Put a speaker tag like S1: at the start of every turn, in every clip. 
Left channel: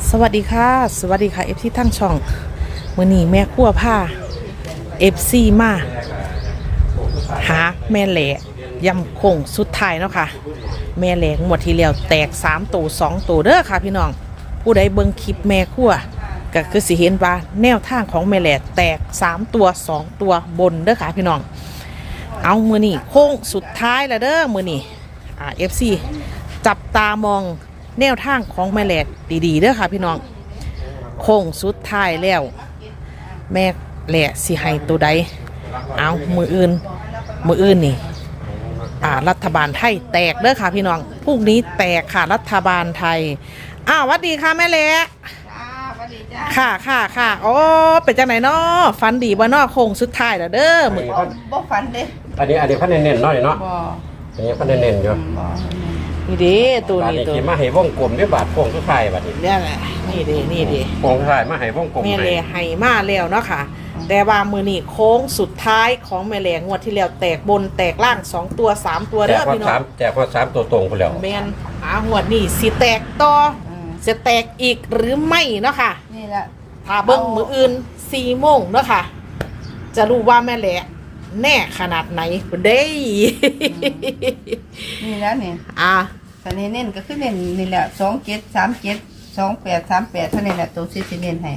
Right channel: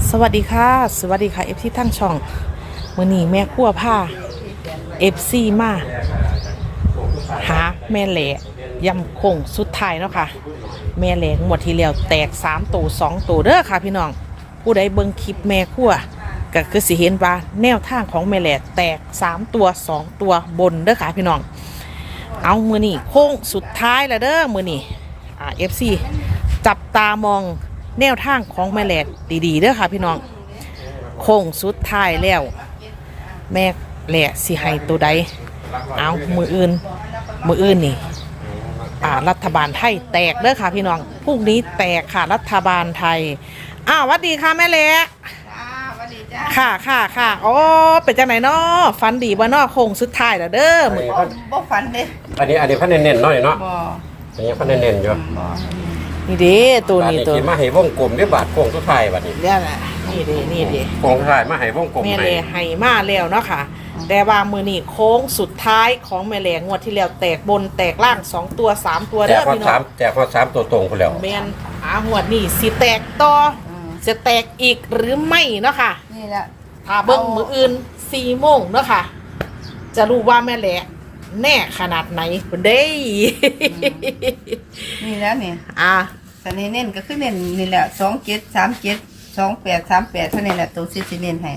S1: สวัสดีค่ะสวัสดีค่ะเอฟที่ทั้งช่องมื้อนี้แม่ครัวผ้าเอฟซีมาหาแม่แหล่ยำคงสุดท้ายเนาะค่ะแม่แหล่งวดที่แล้วแตก3ตัว2ตัวเด้อค่ะพี่น้องผู้ใดเบิ่งคลิปแม่ครัวก็คือสิเห็นว่าแนวทางของแม่แหล่แตก3ตัว2ตัวบนเด้อค่ะพี่น้องเอามื้อนี้โค้งสุดท้ายแล้วเด้อมื้อนี้เอฟซีจับตามองแนวทางของแม่แหลกดีๆเด้อค่ะพี่น้องโค้งสุดท้ายแล้วแม่แหลกสิให้ตัวใดเอามืออื่นนี่รัฐบาลไทยแตกเด้อค่ะพี่น้องพรุ่งนี้แตกค่ะรัฐบาลไทยสวัสดีค่ะแม่แหลกค่ะโอ้เป็นจังไหนเนาะฝันดีบ่เนาะโค้งสุดท้ายแล้วเด้อมือ
S2: บ่ฝันเด้
S3: อันนี้พันเน้นๆหน่อยเนาะ
S2: บ่
S3: อันนี้พันเน้นๆอยู่
S2: บ่
S1: นี่ดิตัวนี้ตัว
S3: มาให้วงกลมด้วยบาทโค้งสุดท้ายบัดนี้
S1: เนี่ยแหละนี่ดิ
S3: โค้งสุดท้ายมาให้วงกลม
S1: แม่แหล่ให้มาแล้วเนาะค่ะแต่ว่ามือนี้โค้งสุดท้ายของแม่แหล่งวดที่แล้วแตกบนแตกล่าง2ตัว3ตัวเด้อพี่น้อง
S3: แจกพอ3ตัวตรงพุ่นแล้ว
S1: แม่นงวดนี้สิแตกต่อจะแตกอีกหรือไม่เนาะค่ะ
S2: นี่แหละ
S1: ถ้าเบิ่งมื้ออื่น4 โมงเนาะค่ะจะรู้ว่าแม่แหล่แน่ขนาดไหนพุ่นเด้
S2: นี่แล้วนี่แต่เน้นก็คือเน้นนี่แหละ27 37 28 38เท่านี้แหละตัวสิเน้นให้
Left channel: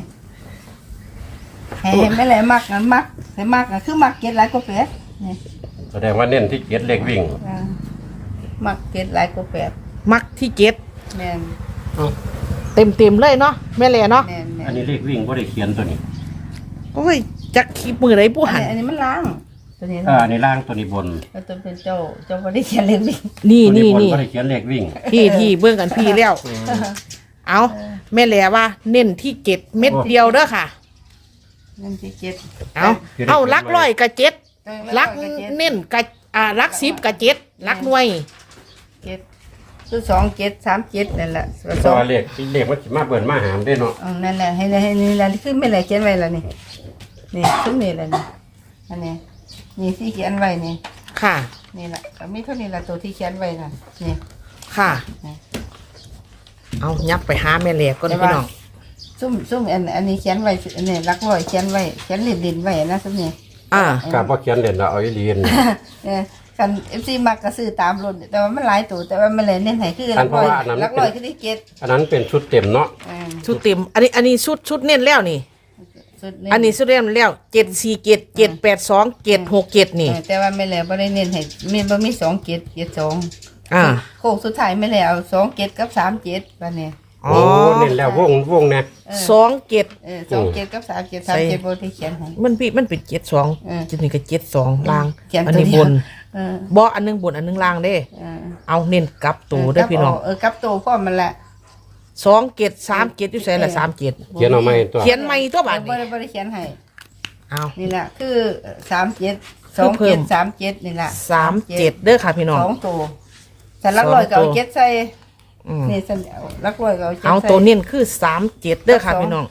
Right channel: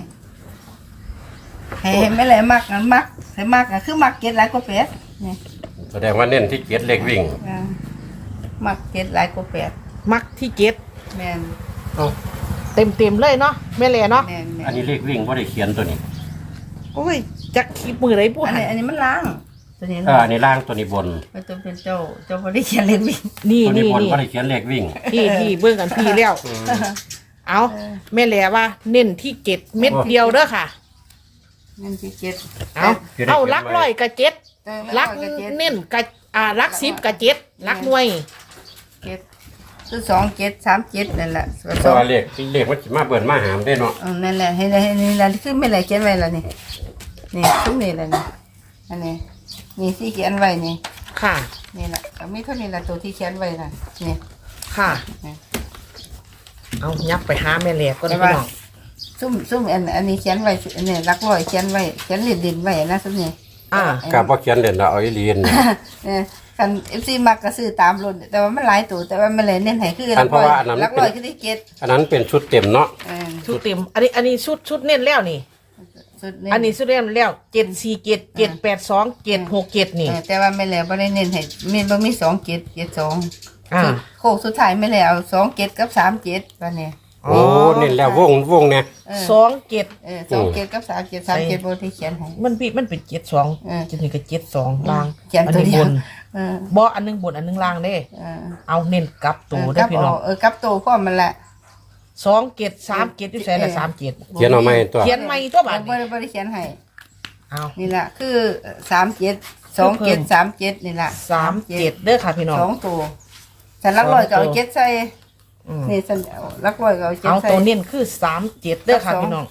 S2: ไม่เลยมักงั้นมักให้มักก็คือมัก7หลายกว่า8นี่
S3: แสดงว่าเน้นที่7เลขวิ่ง
S2: มัก7หลายกว่า8
S1: มักที่7
S2: แม่น
S1: เต็มเลยเนาะแม่แหล่เนาะ
S3: อันนี้เลขวิ่งบ่ได้เขียนตัวนี้
S1: โอ้ยจักคลิปมือไหนผู้หัน
S2: อันนี้มันล้างตัวนี้
S3: ในล่างตัวนี้บน
S2: ตัวเป็นเจ้าบ่ได้เขียนเลขวิ่ง
S1: นี่
S3: บ่ได้เขียนเลขวิ่ง
S1: พี่เบิ่งกันพี่แล้วเอาแม่แหล่ว่าเน้นที่7เม็ดเดียวเด้อค่ะ
S2: เน้นที่7
S1: เอาลักร้อยกับ7ลักเน้นกับลัก10กับ7ลักหน่วย
S2: 7คือ27 37นั่นแหละ
S3: ตัวเลขมันสิมาเบิ่นมาหามได้เนาะ
S2: นั่นแหละให้นี่ล่ะคือไม่แหล่เขียนไว้แล้วนี่ซุมนี่แหละนี่อันนี้นี่ที่เขียนไว้นี่
S1: ค่ะ
S2: นี่แหละก็มีเท่านี้แหละตัวที่เขียนไว้น่ะนี่
S1: ค่ะเอายับไปหาแม่แหลกก็ได้พี่น้อง
S2: ซุ่มอันนี้เขียนไว้นี่รักร้อยเขียนไว้เขียนเด่นไว้นะซุ่มนี่
S3: กับว่าเขียนเด่นเอาอีเลียน
S2: กันFCมักก็ซื้อตามรุ่นแต่ว่ามันหลายตัวแต่ว่ามันเลยเน้นให้คือรักร้อยคือที่7
S3: อันนั้นเป็นชุดเต็มเนาะ
S1: ชุดเต็มอันนี้ชุดเน้นแล้วนี่อันนี้สุดเรียนแล้ว747 782 767นี่
S2: แต่ว่าไม่แล้วบ่ได้เน้นให้มีบ่มี27 72โค้งสุดท้ายไม่แล้ว27กับ37บัดนี้
S3: โอ้เน้นแล้ววงเนี่ย
S1: 27
S2: 27กับ37 37บ่ได้เขียนให้
S1: มันเป็น72จุดนี้ก็72ล่าง
S2: อันนี้บน
S1: บ่อันนึงบนอันนึงล่างเด้เอาเน้นกลับตัวเด้อพี่น้อง
S2: กลับตัวพร้อมมันแหละ
S1: 27 37อยู่ไสล่ะ37
S3: เขียนเอาใหม่ตัว
S1: เขียนใหม่ตัวบาด
S2: นี้บ่ได้เขียนให้
S1: เอา
S2: นี่ล่ะคือ37 27 37นี่ล่ะ
S1: 37เด้อค่ะพี่น้อง
S2: 2ตัวฉันรักร้อยก็เอา7ใส่นี่ฉันรักร้อยก็เอา7ใส่
S1: เอาตัวเน้นคือ37เด้อค่ะพี่น้อง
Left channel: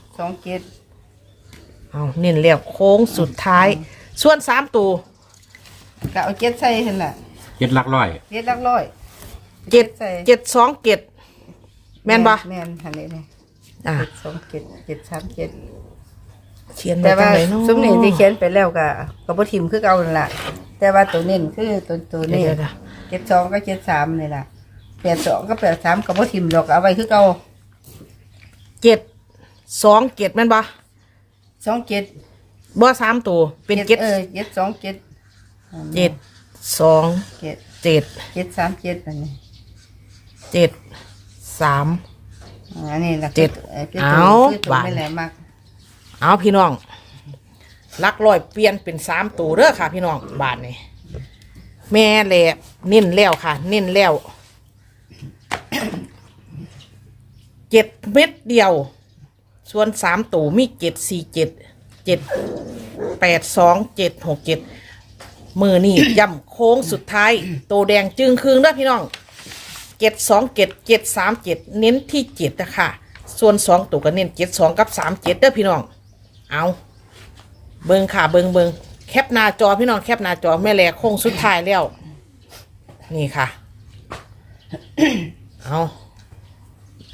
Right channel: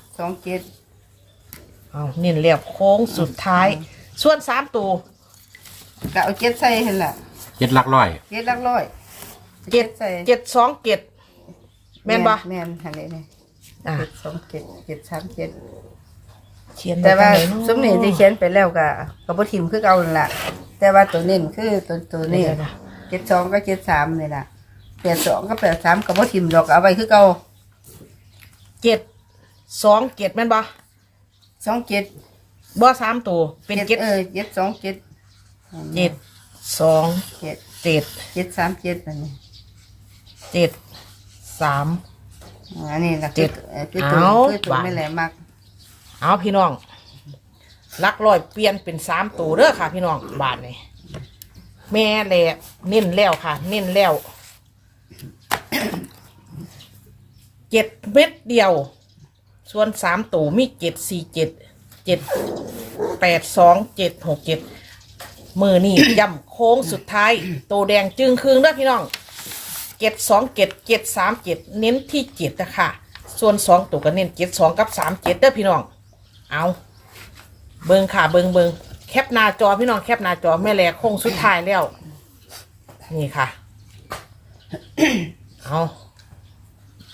S2: 27
S1: เอาเน้นแล้วโค้งสุดท้ายส่วน3ตัว
S2: ก็เอา7ใส่หั่นล่ะ
S3: 7หลักร้อย
S2: 7หลักร้อย
S1: 727แม่นบ่
S2: แม่นหั่นนี่727 737
S1: เขียน
S2: แต่ว่าซุมนี้ที่เขียนไปแล้วก็บ่ทิ่มคือเก่านั่นล่ะแต่ว่าตัวเน้นคือตัวนี้72กับ73นี่ล่ะ82กับ83ก็บ่ทิ่มดอกเอาไว้คือเก่า
S1: 727แม่นบ่
S2: 27
S1: บ่3ตัวเป็น7
S2: 727
S1: 737
S2: นั่นนี่
S1: 73
S2: อันนี้ล่ะคือตัวไม่แหลมมาก
S1: เอาพี่น้องลักร้อยเปลี่ยนเป็น3ตัวเด้อค่ะพี่น้องบาทนี่แม่แหละเน้นแล้วค่ะเน้นแล้ว7เม็ดเดียวส่วน3ตัวมี747 782 767มือนี่ย่ำโค้งสุดท้ายโตแดงจึงคืงเด้อพี่น้อง727 737เน้นที่7นะคะส่วน2ตัวก็เน้น72กับ37เด้อพี่น้องเอาเบิ่งค่ะเบิ่งแคปหน้าจอพี่น้องแคปหน้าจอแม่แหลกโค้งสุดท้ายแล้วนี่ค่ะเอา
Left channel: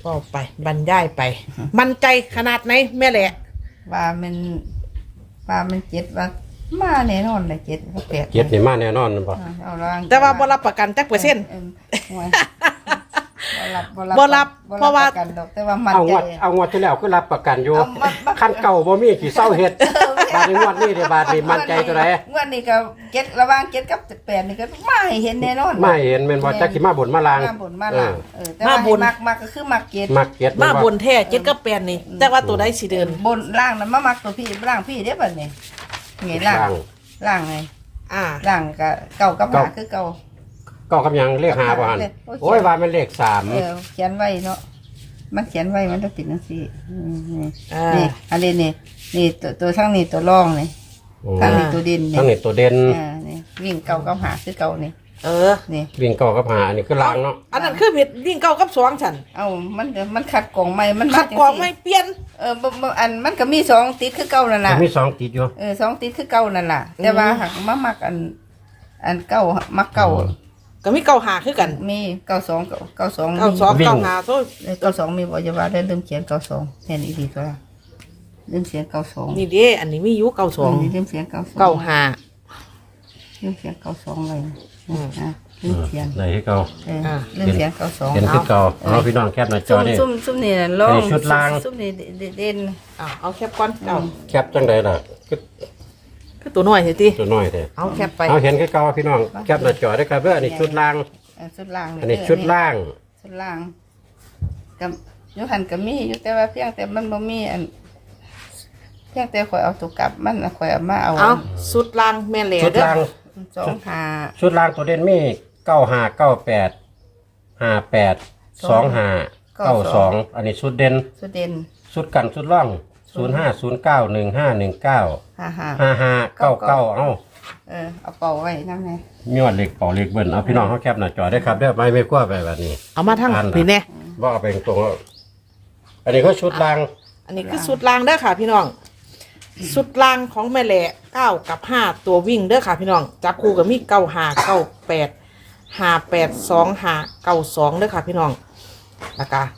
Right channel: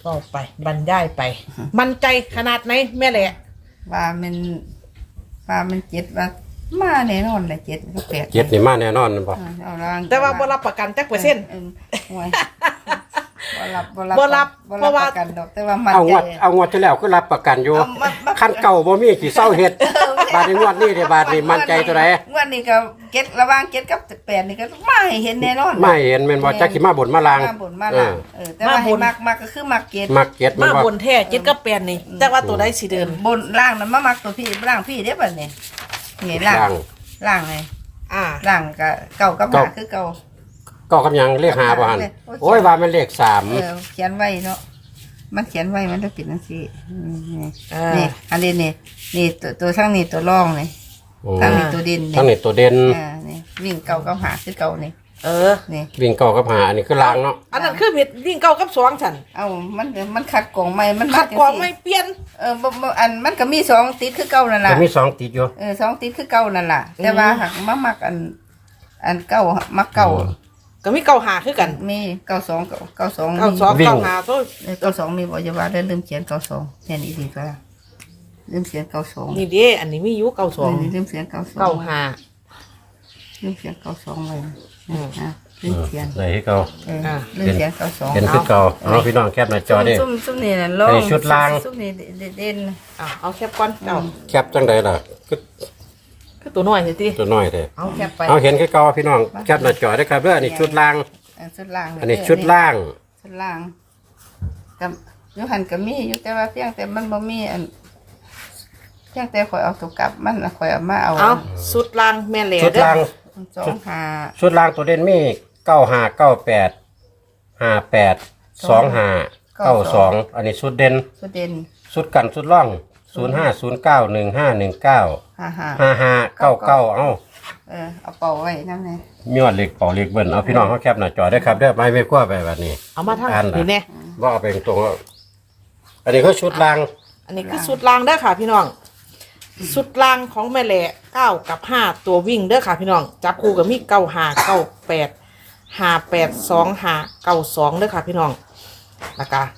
S1: ก็ไปบรรยายไป มั่นใจขนาดไหนแม่แหละ
S2: ว่ามันเจ็ดว่ามาแน่นอนเลยเจ็ดก็แปด
S3: เจ็ดนี่มาแน่นอนบ่
S2: เอาล่าง
S1: แต่ว่าบ่รับประกันจักเปอร์เซ็นต์
S2: ห่วยบ่รับ
S1: เพราะว่า
S2: ประกันดอกแต่ว่ามัน
S3: เอา
S2: ใจ
S3: งวดที่แล้วก็รับประกันอยู่
S2: เอามา
S3: คันเก่าบ่มีกี่เศร้าเฮ็ดบาดนี้งวดนี้เด้บาดนี้มั่นใจตัวใด
S2: งวดนี้ก็เก็ดระหว่างเก็ดกับแปดนี่ก็มาให้เห็นแน่นอน
S3: ไม่เห็นแม่นบ่จักสิมาบนมาลาง
S2: มาบนมาหลังแต่ว่าให้มักก็คือมักเก็ด
S3: มักเก็ด
S1: มาบนแท้เจ็ดกับแปดนี่ แต่ว่าตัวใดสิเดิน
S2: บนล่างนั้นมามักตัวพี่ล่างพี่เด้บัดนี้นี่ล่างไง
S1: อ่า
S2: ล่างก็เก่ากับหาคือเก่า
S3: ก็กำยังเลข5บ่หั่นโอ้ยว่ามันเลข3
S2: เขียนไว้เนาะมันเขียนไว้มันจะเป็นจังซี่
S1: อ่า
S2: นี่อันนี้นี่ตัวทั้งนี้ตัวรองนี่ทั้งนี้ตัวดิน
S3: ทั้งนี้ตัวเด่น
S2: นี่วิ่งเก่ากับหาคือเก่านี่
S1: เออ
S2: นี่
S3: วิ่งเก่ากับหาอันนี้คือลางเนาะ
S1: อันนั้นคือผิดวิ่งเก้ากับสองฉัน
S2: เอ้ามันขัดกล่องใหม่มัน
S1: ขัดกรองไม่เปลี่ยน
S2: อันมันก็มีสองติดคือเก่านั่น
S3: แต่
S2: ล่ะ
S3: มี2ติดอยู่
S2: สองติดคือเก่านั่นล่ะแต่ว่าหักมามักอันเก่ามักเก่า
S1: ก็มีเก้าหาคือกัน
S2: มีเก่าสอง
S1: เก้าสองเก้าหาโซ่
S2: เก่าสองมีบอกจะว่าได้ลืมเขียนเก่าสองแทนอีกทีก็ได้ลืมเขียนเก่าสอง
S1: นี่เด้อันนี้มีอยู่เก้าสอง
S2: ลืมเขียนเก่าสอง
S1: เก้าหา
S2: ลืมเขียนเก่าสองเลยลืมเขียน
S3: ไหนที่เก่า
S2: ลืมเขียนเก่าสอง
S3: เห็นคือเก่าเอาพี่น้องแคปหน้าจอได้
S2: ซุ่มนี่ลอง
S3: อันนี้ชุดราง
S2: ซุ่มนี่เด่น
S1: เอาแคปก่อนเจ้า
S3: แคปจังไดล่ะคือ
S1: คือตัวน้อยสิติ
S3: ตัวน้อยแท้
S1: เอาแคปไป
S3: เอาเห็นคือเก่าพี่น้องแคปหน้าจอได้ครับเด้ออันนี้ชุดล่าง
S2: ชุดล่าง
S3: อันนี้ชุดล่าง
S2: ชุดล่างกับยุหันกับมีอยู่แต่ว่าเพียงแต่มันบ่มีอันเพียงแต่ข่อยเอาตัวกลับมันข่อยเอามาเอา
S1: เอาสุดล่างแม่แหล่
S3: ชุด
S1: เด้อ
S3: ล่าง
S2: สองหา
S3: ชุดล่างตัวเด่นมี95 98 58 25 92อันนี้ชุดเด่น
S2: ชุดเด่น
S3: ชุดกันชุดล่อง0509 1519
S2: 55
S3: 5599เอ้า
S2: เอาเป่าไว้น้ำไง
S3: มีอดเหล็กเป่าเหล็กเบิ่นเอาพี่น้องเขาแคปหน้าจอได้ครับเด้อไม่กลัวไปแบบนี้
S1: เอามาทั้งนี่แน่
S3: ว่าเอาไปตรงๆอันนี้ก็ชุดล่าง
S1: อันนี้คือสุดล่างเด้อค่ะพี่น้องสุดล่างของแม่แหล่เก้ากับห้าตัววิ่งเด้อค่ะพี่น้องจับคู่กับมีเก้าหาเก้าแปด58 25 92เด้อค่ะพี่น้องแล้วก็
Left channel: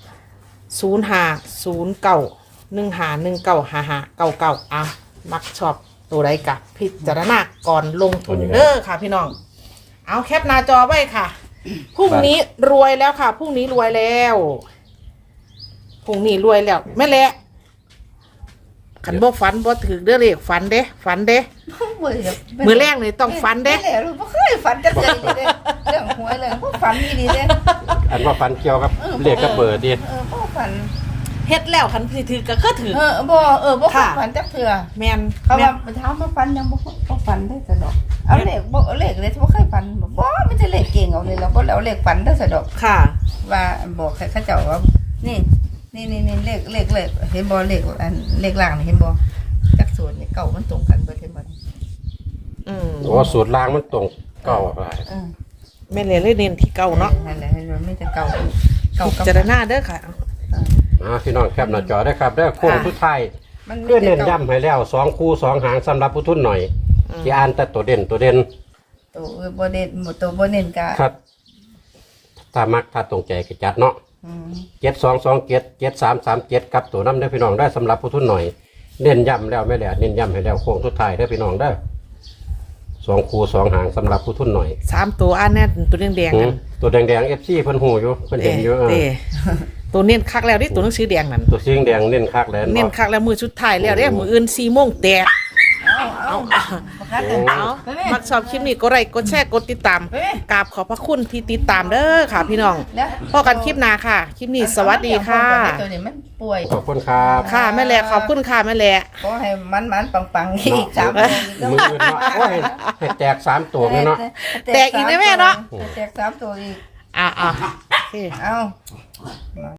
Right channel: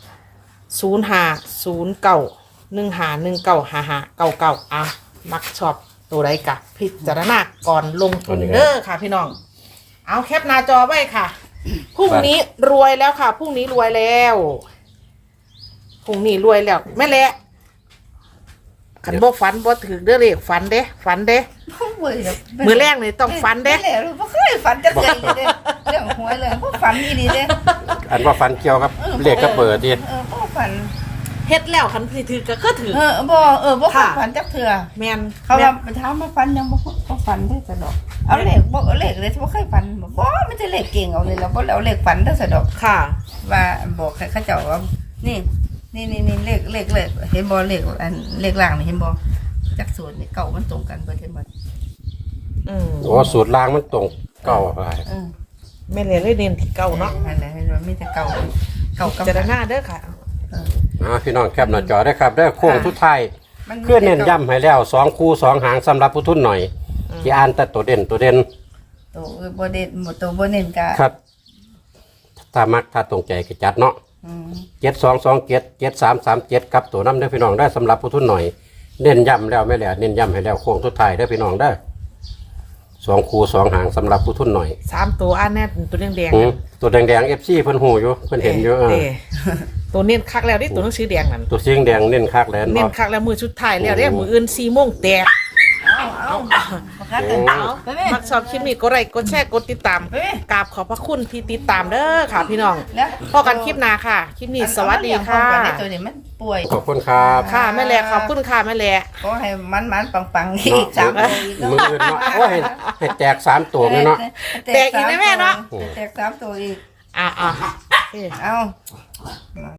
S1: 050915195599อ่ะมักชอบตัวใดกับพิจารณาก่อนลงทุนเด้อค่ะพี่น้องเอาแคปหน้าจอไว้ค่ะพรุ่งนี้รวยแล้วค่ะพรุ่งนี้รวยแล้วพรุ่งนี้รวยแล้วแม่แหละขันบ่ฝันบ่ถือเด้อเลขฝันเด้มือแรกเลยต้องฝันเด้
S2: ไม่เลยไม่เคยฝันจะเกิดเลยเด้เรื่องหวยเลยพวกฝันนี่ดีเด้
S3: อันว่าฟันเกี่ยวครับเหล็กก็เปิดดิ
S2: พวกฝัน
S1: เฮ็ดแล้วขันพี่ถือก็คือถือ
S2: บ่เคยฝันจักเถื่อ
S1: แม่น
S2: เขาว่าไปถามมาฝันยังบ่ฝันได้สะดอกเอาเลขบ่เลขเลยบ่เคยฝันบ่มันจะเลขเก่งเอาเลยเราบ่เอาเลขฝันได้สะดอก
S1: ค่ะ
S2: ว่าบอกให้เขาเจ้าว่านี่เลขเห็นบ่เลขอันเลขล่างนี่เห็นบ่จักสูตรนี่เก่ามันตรงกันเบิดเห็นบ่
S3: โอ้สูตรล่างมันตรงเก่าไป
S1: แม่เลยเน้นที่เก่าเนาะ
S2: นั่นแหละมันไม่จะเก่า
S1: พิจารณาเด้อค่ะ
S3: พี่น้องแคปหน้าจอได้ครับได้โค้งทุกท้ายเพื่อเน้นย้ำให้แล้ว2คู่2หางสำหรับผู้ทุนหน่อยที่อ่านแต่ตัวเด่น
S2: ตัวบ่เด่นตัวบ่เน้นกะ
S3: ครับถ้ามักถ้าตรงใจก็จัดเนาะ7227 7337กับตัวน้ำได้พี่น้องได้สำหรับผู้ทุนหน่อยเน้นย้ำแล้วไม่แหละเน้นย้ำให้แล้วโค้งทุกท้ายได้พี่น้องได้2คู่2หางสำหรับผู้ทุนหน่อย
S1: 3ตัวอันแน่ตัวแดงๆ
S3: ตัวแดงๆ FC เพิ่นหูอยู่เพิ่นเห็นอยู่
S1: ตัวเน้นคักแล้วดิตัวหนังสือแดงนั่น
S3: ตัวเสียงแดงเน้นคักแล้ว
S1: เน้นคักแล้วมือสุดท้ายแล้วเด้มืออื่น4 โมงแตก
S2: เอาบ่คัดกันเอา
S1: มักชอบคลิปนี้กดไลค์กดแชร์กดติดตามกราบขอบพระคุณที่ติดตามเด้อค่ะพี่น้องพอกันคลิปหน้าค่ะคลิปนี้สวัสดีค่ะ
S2: ตัวนี้มันป่วย
S3: ขอบคุณครับ
S1: ค่ะแม่แหล่ขอบคุณค่ะแม่แหล่
S2: ขอให้มันปังๆอีก3ตัวอีก
S3: มืออื่นเนาะโอ้ยให้แตก3ตัวเลยเนาะ
S1: แตกอีกได้แม่เนาะ
S2: แตก3ตัวอีก
S1: อ่ะ
S2: เอา